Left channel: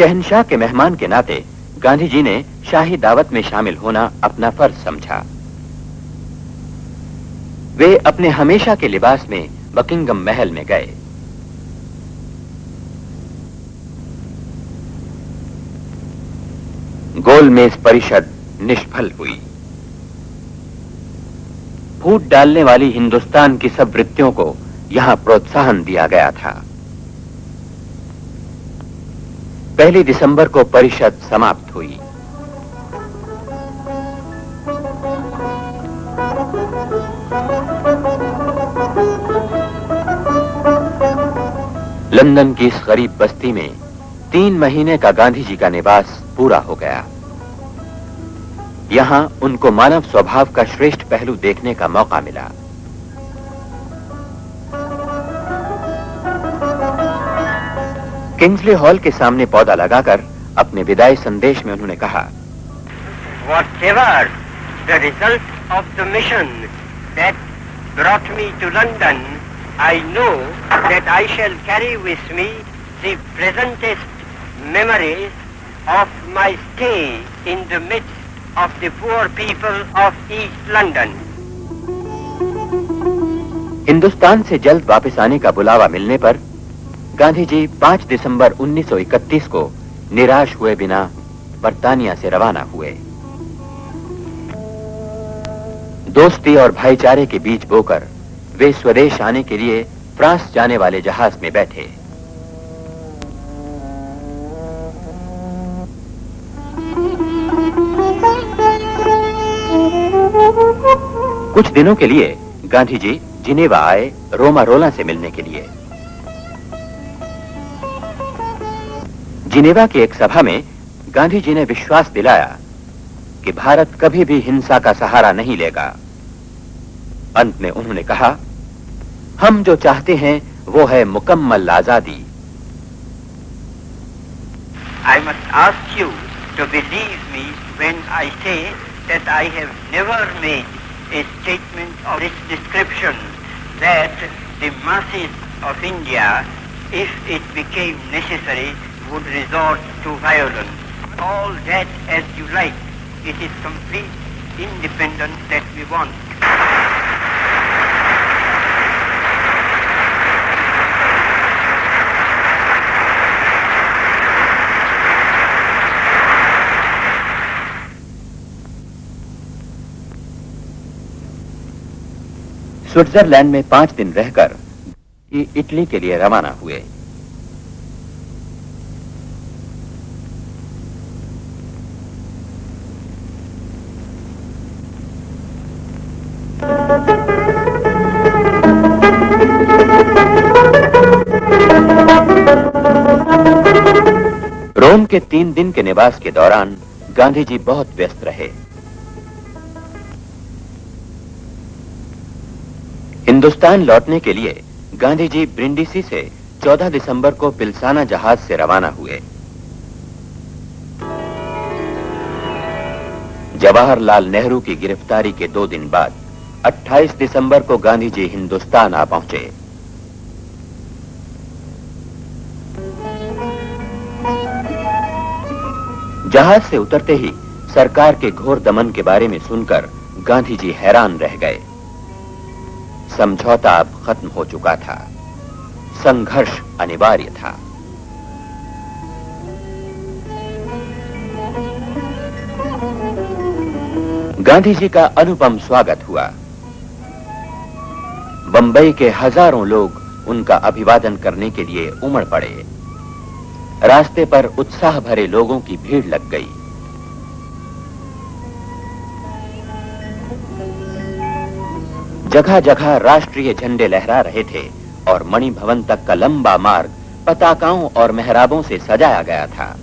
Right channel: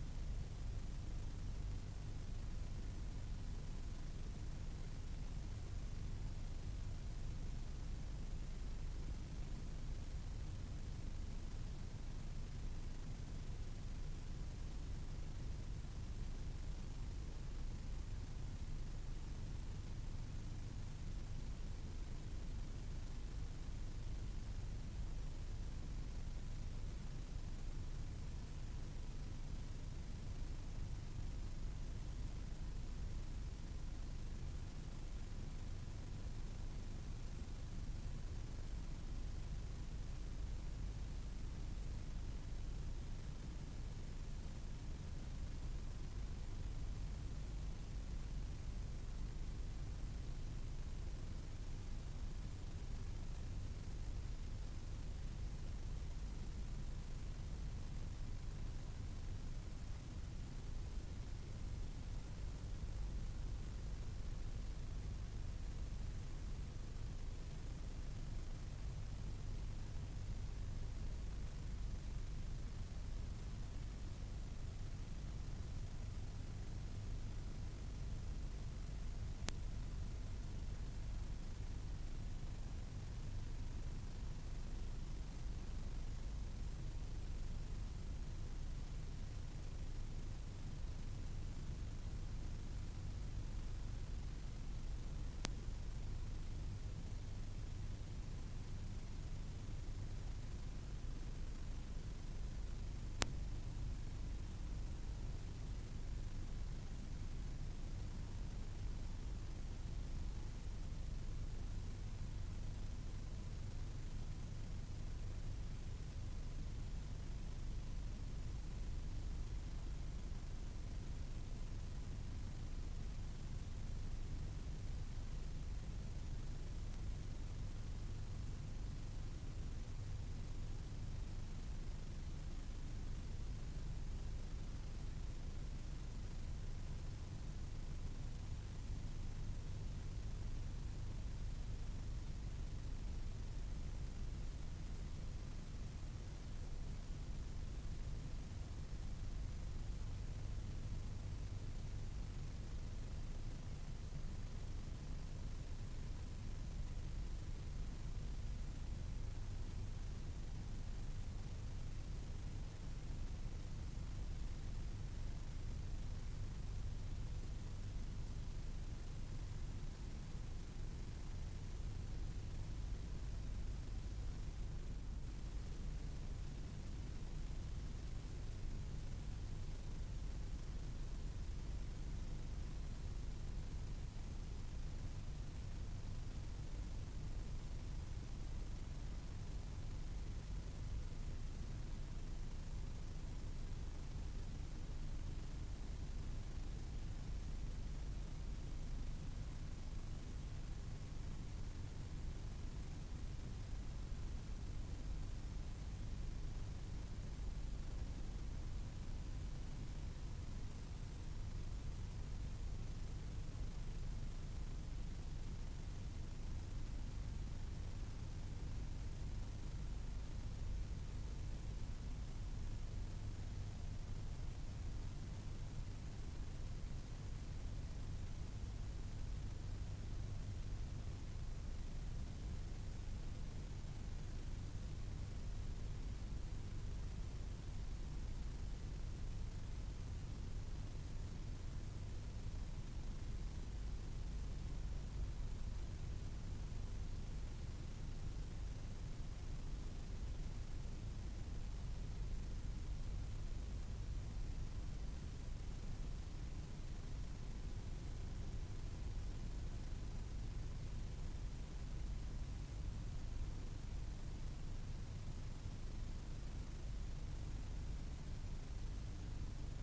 शहंशाह के मेहमान के नाते गांधी जी ने शाही दावत में शामिल होना अपना फर्ज समझा। वे अपने हमेशा के लिबास में बकिंगम महल में गए। गोलमेज परिषद निष्फल हुई। फूट डालने वाली हिंदुस्तान की सब वृत्तियों को यहां प्रोत्साहन दिया गया था। 1 दिसंबर को परिषद समाप्त हुई। लंदन की इस गरीब बस्ती में 3 महीने का गांधी जी का निवास पूरा हो गया। यहां उनको मानव स्वभाव का श्रेष्ठ पहलू देखने का मौका मिला। किंग्सले हॉल के सामने पौधा लगाकर अपने विदाई संदेश में उन्होंने कहा, Whatever the result of the mission that brought me to London, I know that I shall carry with me the pleasantest memories of my stay in the midst of the poor people of East London. Hindustan से जल्द वापस आने का बुलावा मिलने पर गांधी जी 5 दिसंबर 1931 को निराश हुए बिना बर्तानिया से रवाना हुए। दोस्ती और भाईचारे के बीच बोकर वे स्वदेश आने के लिए फ्रांस जाने वाले जहाज में बैठे। कुछ दिनों के लिए गांधी जी जिनेवा आए, रोमा रोला से मिलने के लिए। जिनेवा की एक सभा में गांधी जी ने विश्वास दिलाया कि भारत कभी भी हिंसा का सहारा नहीं लेगा। अंत में उन्होंने कहा, हम जो चाहते हैं वो है मुकम्मल आजादी। I must ask you to believe me when I say that I have never made a statement of this description, that the masses of India, if it became necessary, would resort to violence. All that as you like. It is complete independence that we want. Switzerland में 5 दिन रहकर Italy के लिए रवाना हुए। रोम के 3 दिन के निवास के दौरान गांधी जी बहुत व्यस्त रहे। हिंदुस्तान लौटने के लिए गांधी जी ब्रिंडीसी से 14 दिसंबर को पिलसाना जहाज से रवाना हुए। जवाहरलाल नेहरू की गिरफ्तारी के 2 दिन बाद 28 दिसंबर को गांधी जी हिंदुस्तान आ पहुंचे। जहाज से उतरते ही सरकार के घोर दमन के बारे में सुनकर गांधी जी हैरान रह गए। समझौता अब खत्म हो चुका था, संघर्ष अनिवार्य था। गांधी जी का अनुपम स्वागत हुआ। बंबई के हजारों लोग उनका अभिवादन करने के लिए उमड़ पड़े। रास्ते पर उत्साह भरे लोगों की भीड़ लग गई। जगह जगह राष्ट्रीय झंडे लहरा रहे थे और मणि भवन तक का लंबा मार्ग पताकाओं और मेहराबों से सजाया गया था।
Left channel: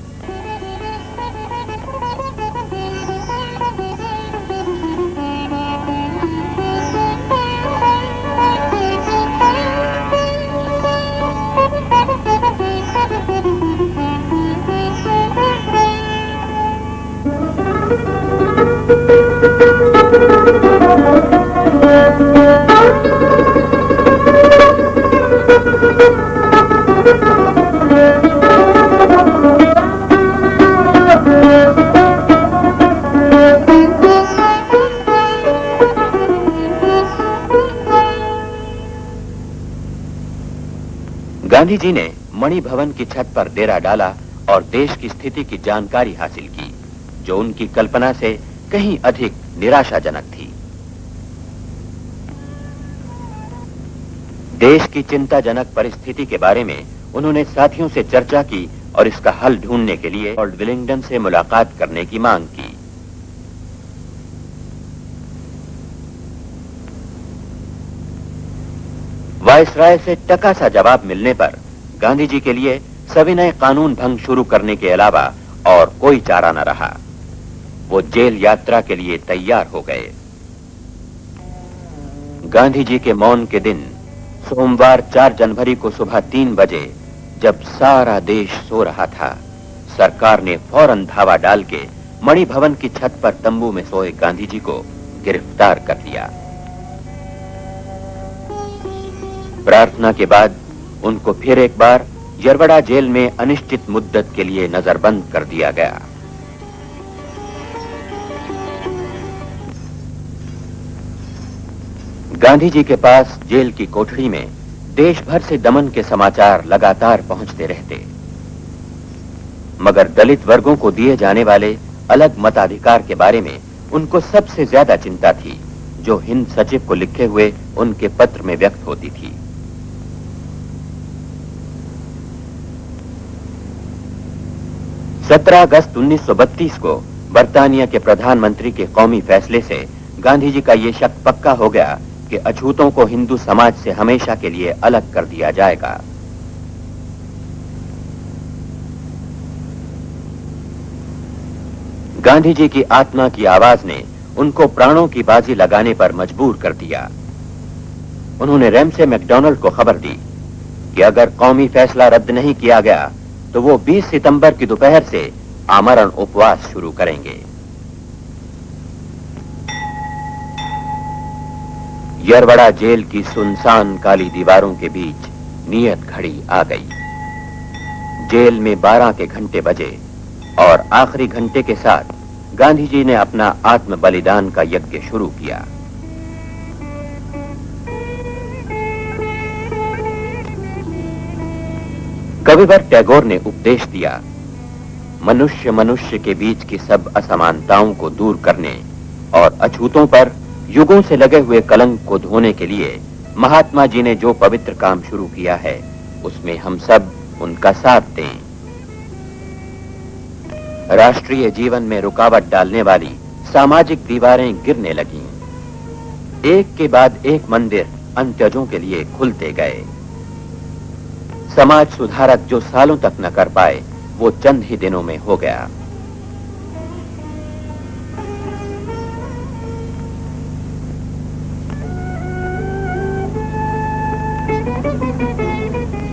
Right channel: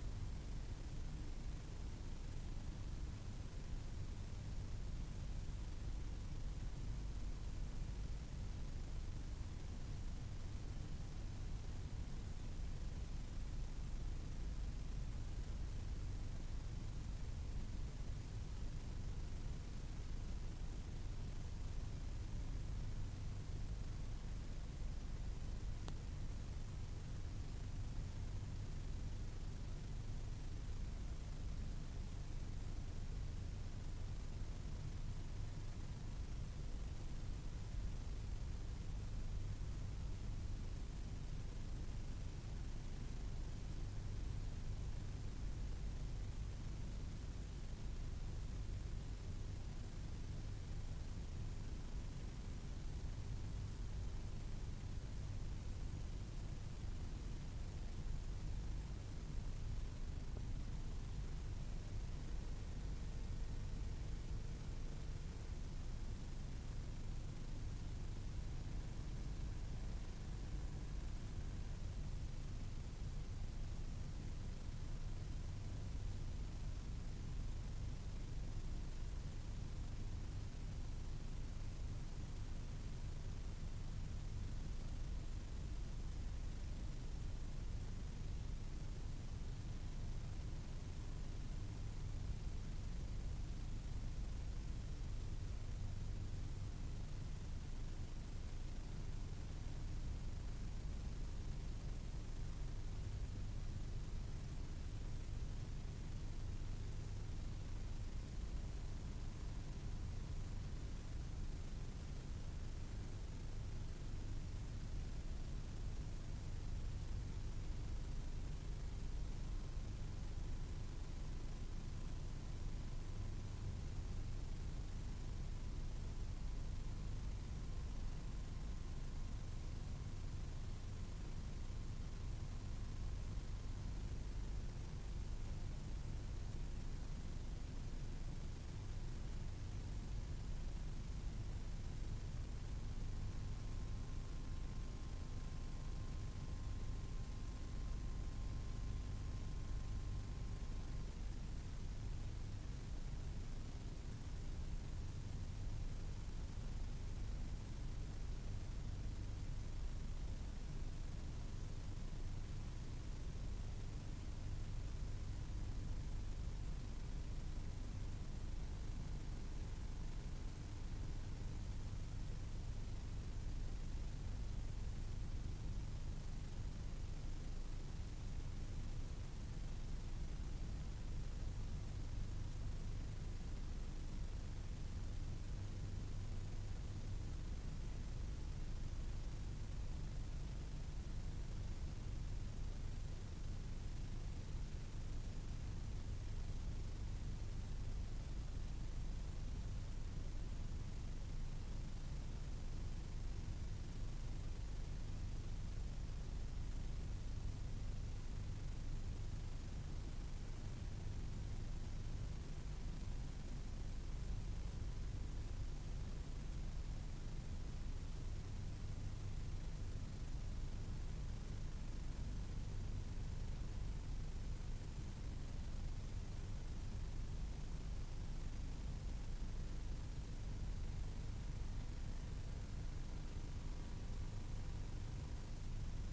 गांधी जी ने मणि भवन की छत पर डेरा डाला और देश की स्थिति की जानकारी हासिल की, जो उनकी कल्पना से कहीं अधिक निराशाजनक थी। देश की चिंताजनक परिस्थिति के बारे में उन्होंने साथियों से चर्चा की और इसका हल ढूंढने के लिए लॉर्ड विलिंगडन से मुलाकात करने की मांग की। वायसराय से टका सा जवाब मिलने पर गांधी जी के लिए सविनय कानून भंग शुरू करने के अलावा और कोई चारा न रहा। वो जेल यात्रा के लिए तैयार हो गए। गांधी जी के मौन के दिन सोमवार 4 जनवरी को सुबह 3 बजे, जब सारा देश सो रहा था, सरकार ने फौरन धावा डाल के मणि भवन की छत पर तंबू में सोए गांधी जी को गिरफ्तार कर लिया। प्रार्थना के बाद उनको फिर एक बार यरवड़ा जेल में अनिश्चित मुद्दत के लिए नजरबंद कर दिया गया। गांधी जी के पास जेल की कोठरी में देश भर से दमन के समाचार लगातार पहुंचते रहते, मगर दलित वर्गों को दिए जाने वाले अलग मताधिकार के बारे में उनको सबसे ज्यादा चिंता थी, जो हिंद सचिव को लिखे हुए उनके पत्र में व्यक्त होती थी। सत्रह अगस्त 1932 को बर्तानिया के प्रधानमंत्री के कौमी फैसले से गांधी जी का यह शक पक्का हो गया कि अछूतों को हिंदू समाज से हमेशा के लिए अलग कर दिया जाएगा। गांधी जी की आत्मा की आवाज ने उनको प्राणों की बाजी लगाने पर मजबूर कर दिया। उन्होंने रैमसे मैकडॉनल्ड को खबर दी कि अगर कौमी फैसला रद्द नहीं किया गया तो वो 20 सितंबर की दोपहर से आमरण उपवास शुरू करेंगे। यरवड़ा जेल की सुनसान काली दीवारों के बीच नियत घड़ी आ गई। जेल में 12 के घंटे बजे और आखिरी घंटे के साथ गांधी जी ने अपना आत्म बलिदान का यज्ञ शुरू किया। कविवर टैगोर ने उपदेश दिया, मनुष्य मनुष्य के बीच की सब असमानताओं को दूर करने और अछूतों पर युगों से लगे हुए कलंक को धोने के लिए महात्मा जी ने जो पवित्र काम शुरू किया है, उसमें हम सब उनका साथ दें। राष्ट्रीय जीवन में रुकावट डालने वाली सामाजिक दीवारें गिरने लगीं। एक के बाद एक मंदिर अंत्यजों के लिए खुलते गए। समाज सुधारक जो सालों तक न कर पाए, वो चंद ही दिनों में हो गया।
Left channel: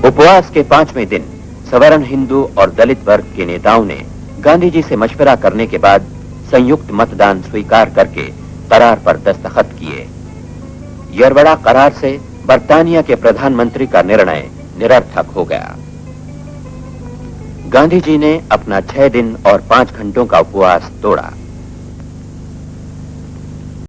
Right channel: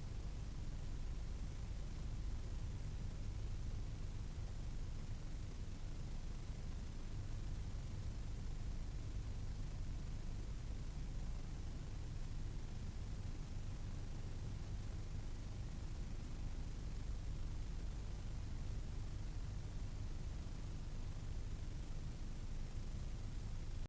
उपवास के 5वें दिन सवर्ण हिंदू और दलित वर्ग के नेताओं ने गांधी जी से मशवरा करने के बाद संयुक्त मतदान स्वीकार करके करार पर दस्तखत किए। यरवड़ा करार से बर्तानिया के प्रधानमंत्री का निर्णय निरर्थक हो गया। गांधी जी ने अपना 6 दिन और 5 घंटों का उपवास तोड़ा।